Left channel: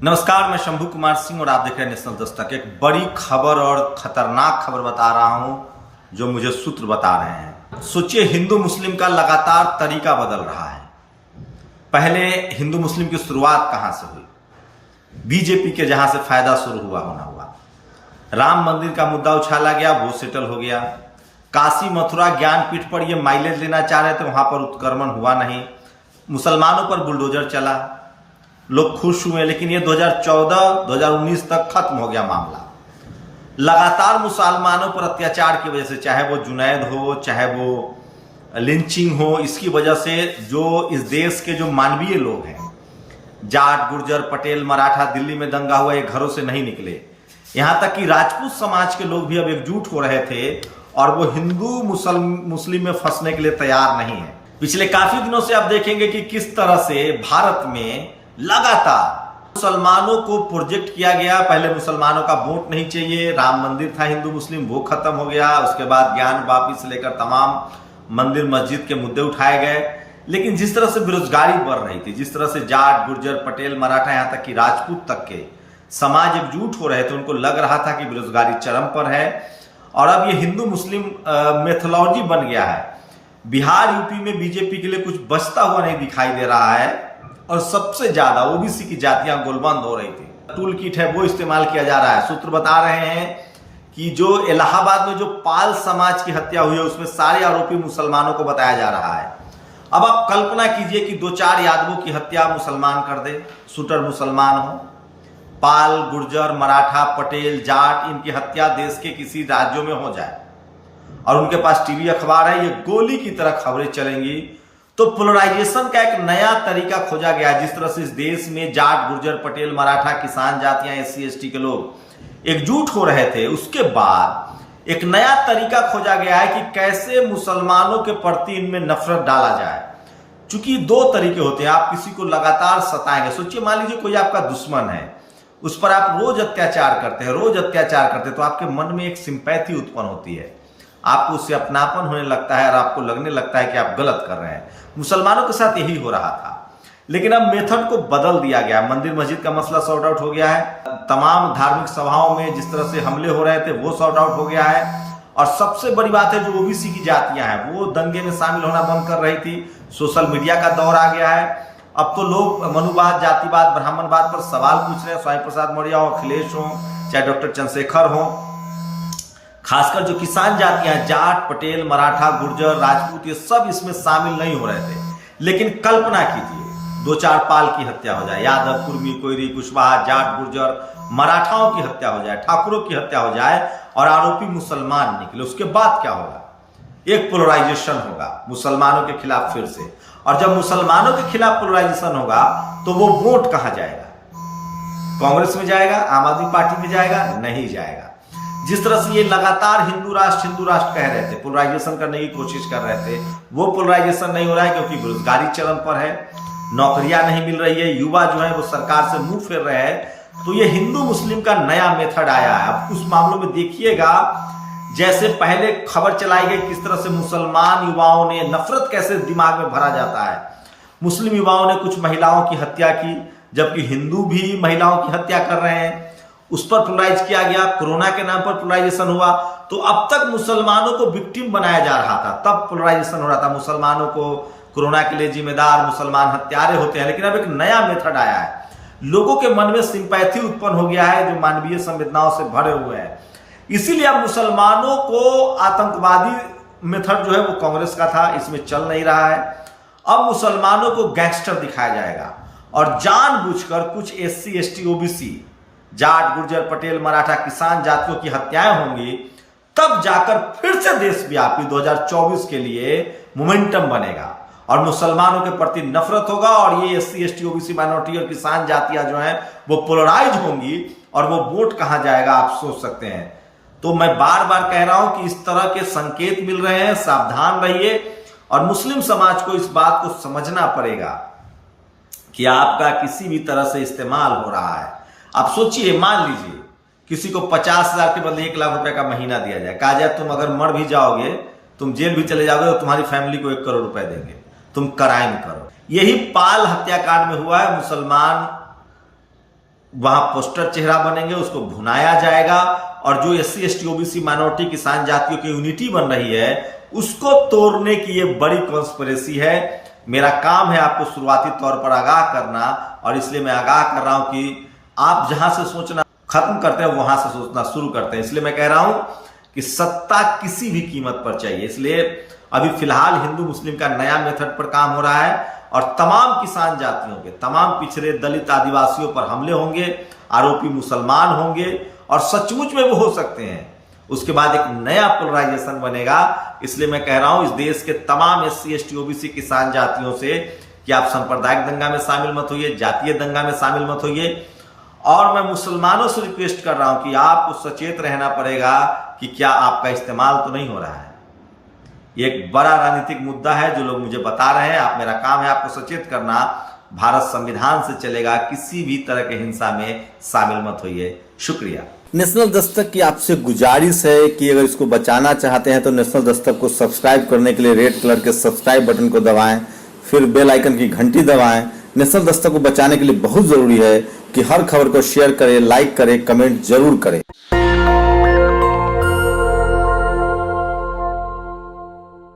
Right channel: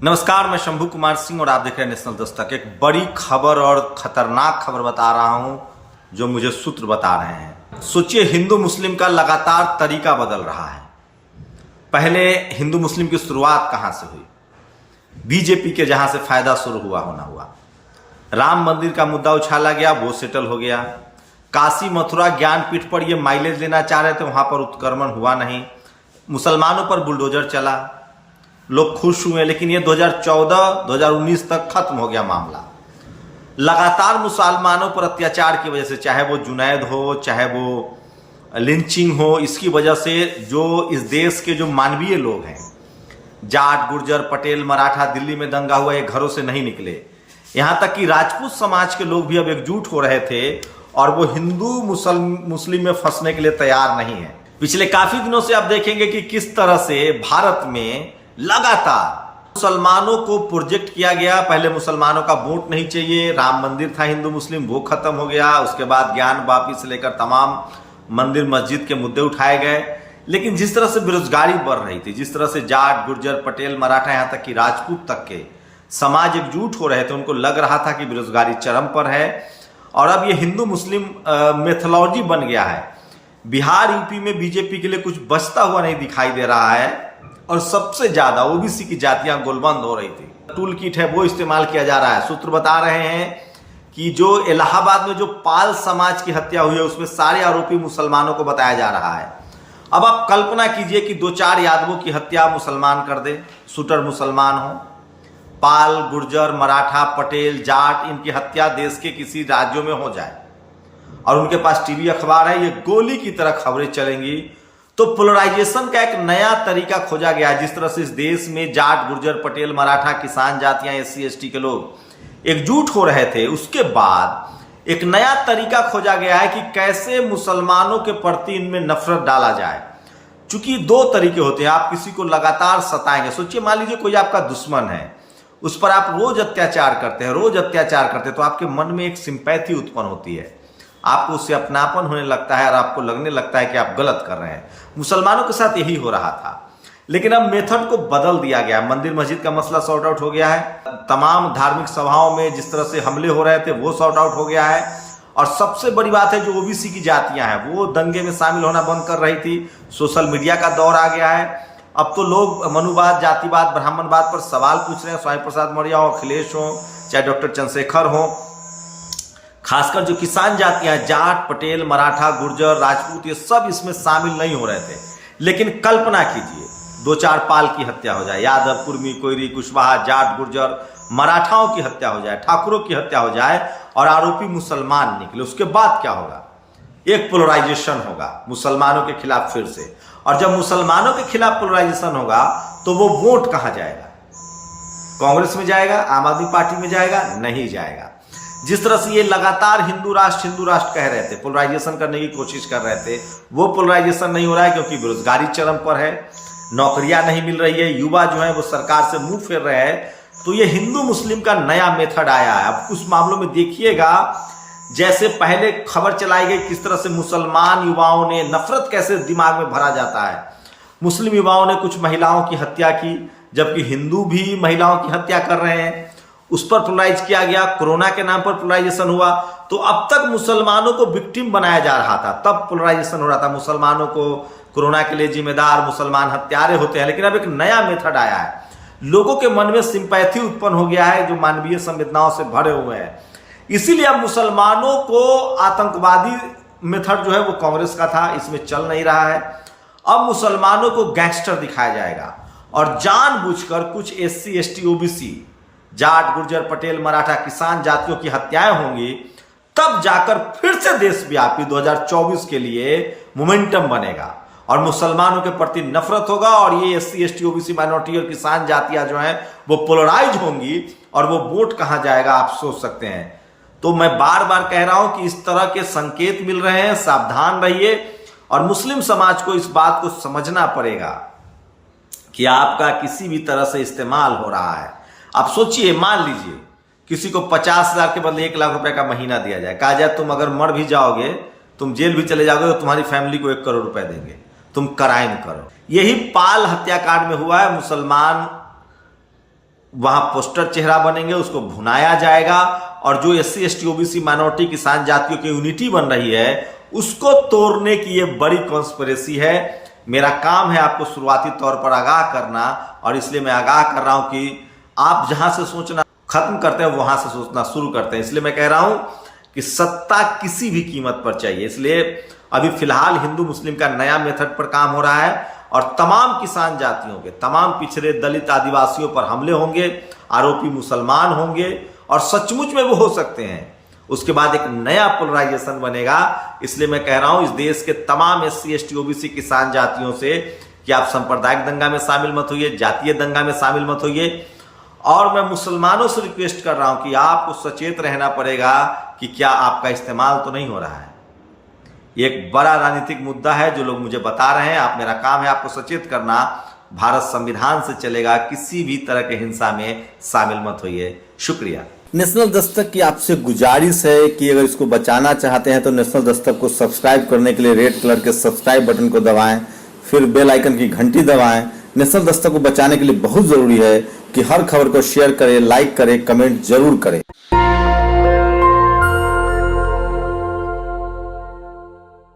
नमस्कार, मैं शंभू कुमार सिंह और आप देख रहे हैं नेशनल दस्तक। एक बड़ी खबर और खतरनाक खबर बता रहा हूं जो मुझे सूत्र बता रहे हैं। सोचिए, हिंदू मुस्लिम का लगातार तरीका बदल रहा है। पहले हिंदू मुस्लिम की शुरुआत कहां से हुई? बीजेपी के जहां से फायदा शुरू हुआ। राम मंदिर का मुद्दा उछाला गया, वो सेटल हो गया। काशी मथुरा ज्ञानपीठ पर ये माइलेज लेना चाह रहे थे, वहां पर उत्क्रमण हुआ नहीं। मुसलमानों पर बुलडोजर चला, लोग खुश हुए, लेकिन ये 2014-2019 तक खत्म हो गया मामला। लगातार मुसलमानों पर अत्याचार की वजह से, चाहे वो जुनैद हो, चाहे वो लिंचिंग हो, इसकी वजह से जो इस देश के जो मानवीय लोग हैं, जाट, गुर्जर, पटेल, मराठा, दिल्ली में दंगा हुआ, ये घरों से नहीं निकले। यहां तक कि राजपूत समाज के लोग भी अब एकजुट हो रहे थे और वो हिंदू मुस्लिम में फंसने के लिए तैयार नहीं है। पिछले काफी दिनों से आप देखेंगे कि किस तरह से भारत में लगातार मुसलमानों को प्रोजेक्ट किया गया। पहले मुसलमानों का वोट नहीं चाहिए, राम मंदिर था हिंदू मुस्लिम, वो खत्म हो गया। उसके बाद ज्ञान वापी से लेकर तमाम मंदिर मस्जिद के मुद्दे उठाए गए। लेकिन जिस तरह से बेरोजगारी बढ़ रही थी, जिस तरह से जाट, गुर्जर, पटेल, मराठा, यहां तक कि राजपूत तक के समाज एकजुट हो रहे थे, उनको लग रहा था कि बेरोजगारी चरम पर है और अब ये हिंदू मुस्लिम मेथोलॉजी बन गया है। बिहार, यूपी में बीजेपी के लिए कुछ बचता हुआ नहीं दिखाई दे रहा है और सबसे ज्यादा ओबीसी की जातियां गोलबंद हो रही थी। टूल किट है वो इस्तेमाल किया जा रहा है। सूत्र बता रहे हैं कि जो इलाहाबाद में जो पाल समाज की हत्या हुई है, उसमें सारे आरोपी मुसलमानों को बताया जा रहा है। अब आप कल्पना कीजिए कि 2-4 यादवों की हत्या मुसलमान कर दे, शूटर मुसलमान हो। पाल, गुर्जर, मराठा, पटेल, जाट, इनकी हत्या देश के किसी राज्यों में हो जाए और उनके पास टीवी अखबार है, ये गोली की तरह खबरें चलेंगी। तो पोलराइजेशन का एक नया तरीका खोजा गया है। जिस तरह से इस देश में जाट, गुर्जर, पटेल, मराठा, किसान जातियां, SC ST के लोग एकजुट हो रहे थे, उसके बाद एक नया तरीका खोजा गया है कि कैसे मुसलमानों के प्रति इनमें नफरत डाला जाए। चूंकि 2 तरीके होते हैं, आप किसी को लगातार सताएंगे। सोचिए, मान लीजिए कोई आपका दुश्मन है, उस पर आप रोज अत्याचार करते हैं, तो आपके मन में एक सिंपैथी उत्पन्न होती है, आपको उससे अपनापन होने लगता है और आपको लगने लगता है कि आप गलत कर रहे हैं। मुसलमानों के साथ यही हो रहा था, लेकिन अब मेथड को बदल दिया गया। मंदिर मस्जिद का मसला सॉर्ट आउट हो गया है, तमाम धार्मिक सभाओं में जिस तरह से हमले हो रहे थे वो सॉर्ट आउट हो गया है। और सबसे बड़ी बात है, जो ओबीसी की जातियां हैं वो दंगे में शामिल होना बंद कर रही थी। सोशल मीडिया का दौर आ गया है। अब तो लोग मनुवाद, जातिवाद, ब्राह्मणवाद पर सवाल पूछ रहे हैं। स्वामी प्रसाद मौर्य हो, अखिलेश हो, चाहे डॉक्टर चंद्रशेखर हो, खासकर जो किसान जातियां, जाट, पटेल, मराठा, गुर्जर, राजपूत, ये सब इसमें शामिल नहीं हो रहे थे। लेकिन कल्पना कीजिए 2-4 पाल की हत्या हो जाए, यादव, कुर्मी, कोयरी, कुशवाहा, जाट, गुर्जर, मराठाओं की हत्या हो जाए, ठाकुरों की हत्या हो जाए और आरोपी मुसलमान निकले, उसके बाद क्या होगा? एक पोलराइजेशन होगा मुसलमानों के खिलाफ फिर से। और जब मुसलमानों के खिलाफ पोलराइजेशन होगा तो वो वोट कहां जाएगा? कांग्रेस में जाएगा? आम आदमी पार्टी में जाएगा? नहीं जाएगा। जिस तरह से ये लगातार हिंदू राष्ट्र कह रहे थे, पोलराइजेशन करने की कोशिश कर रहे थे, वो पोलराइजेशन नहीं हो रहा है क्योंकि बेरोजगारी चरम पर है, नौकरियां नहीं मिल रही है, युवा जो है वो सरकार से मुंह फेर रहे हैं। तो ये हिंदू मुस्लिम का नया मेथड आया है। अब कुछ मामलों में देखिएगा, जैसे पहले खबर चलाई गई किस तरह से मुसलमान युवाओं ने, नफरत कैसे दिमाग में भरा जाता है। मुस्लिम युवाओं ने कुछ महिलाओं की हत्या की, जबकि हिंदू भी महिलाओं की हत्या कर रहे हैं, उस पर पोलराइज किया गया। कोरोना के नाम पर पोलराइजेशन हुआ। तो अब तक मुसलमानों को विक्टिम बनाया जा रहा था, तब पोलराइजेशन हो रहा था, मुसलमानों को कोरोना के लिए जिम्मेदार मुसलमान हत्यारे होते हैं। लेकिन अब एक नया मेथड आया है, लोगों के मन में सिंपैथी उत्पन्न हो गया है जो मानवीय संवेदनाओं से भरे हुए हैं। इसीलिए अब मुसलमानों को आतंकवादी मेथड जो है वो कांग्रेस का था, इसमें चल नहीं रहा है। अब मुसलमानों को गैंगस्टर दिखाया जाएगा और जानबूझकर कुछ SC ST OBC, Jat, Gurjar, Patel, Maratha, किसान जातियों की हत्याएं होंगी, तब जाकर फिर से देशव्यापी 2024 के लिए मोमेंटम बनेगा और मुसलमानों के प्रति नफरत होगा और ये SC ST OBC माइनॉरिटी और किसान जातियां जो हैं वो पोलराइज होंगी और वो वोट कहां जाएगा आप सोच सकते हैं। तो मैं बार बार कह रहा हूं कि इस तरह के संकेत मिल रहे हैं, सावधान रहिए। और मुस्लिम समाज को इस बात को समझना पड़ेगा कि आपका किसी भी तरह से इस्तेमाल हो रहा है। आप सोचिए, मान लीजिए किसी को 50,000 के बदले 1 लाख रुपए का महीना दिया जाए, कहा जाए तुम अगर मर भी जाओगे, तुम जेल भी चले जाओगे तो तुम्हारी फैमिली को 1 करोड़ रुपए देंगे, तुम क्राइम करो। यही पाल हत्याकांड में हुआ है। मुसलमान वहां पोस्टर चेहरा बनेंगे, उसको भुनाया जाएगा और जो SC ST OBC माइनॉरिटी किसान जातियों की यूनिटी बन रही है उसको तोड़ने की ये बड़ी कॉन्स्पिरेसी है। मेरा काम है आपको शुरुआती तौर पर आगाह करना और इसलिए मैं आगाह कर रहा हूं कि आप जहां से सोचना खत्म करते हैं वहां से सोचना शुरू करते हैं। इसलिए मैं कह रहा हूं कि सत्ता किसी भी कीमत पर चाहिए। इसलिए अभी फिलहाल हिंदू मुस्लिम का नया मेथड पर काम हो रहा है और तमाम किसान जातियों के, तमाम पिछड़े दलित आदिवासियों पर हमले होंगे, आरोपी मुसलमान होंगे और सचमुच में वो हो सकते हैं। उसके बाद एक नया पोलराइजेशन बनेगा। इसलिए मैं कह रहा हूं इस देश के तमाम SC ST OBC किसान जातियों से कि आप सांप्रदायिक दंगा में शामिल मत होइए, जातीय दंगा में शामिल मत होइए। और मैं मुसलमानों से रिक्वेस्ट कर रहा हूं कि आपको सचेत रहना पड़ेगा कि क्या आपका इस्तेमाल तो नहीं हो रहा है। ये एक बड़ा राजनीतिक मुद्दा है जो लोग मुझे बता रहे हैं। आप, मेरा काम है आपको सचेत करना। भारत संविधान से चलेगा, किसी भी तरह के हिंसा में शामिल मत होइए। शुक्रिया। नेशनल दस्तक की आपसे गुजारिश है कि अगर इसको बचाना चाहते हैं तो नेशनल दस्तक को सब्सक्राइब करने के लिए रेड कलर के सब्सक्राइब बटन को दबाएं, फिर बेल आइकन की घंटी दबाएं। नेशनल दस्तक को बचाने के लिए बहुत जरूरी है कि हर खबर को शेयर करें, लाइक करें, कमेंट जरूर करें।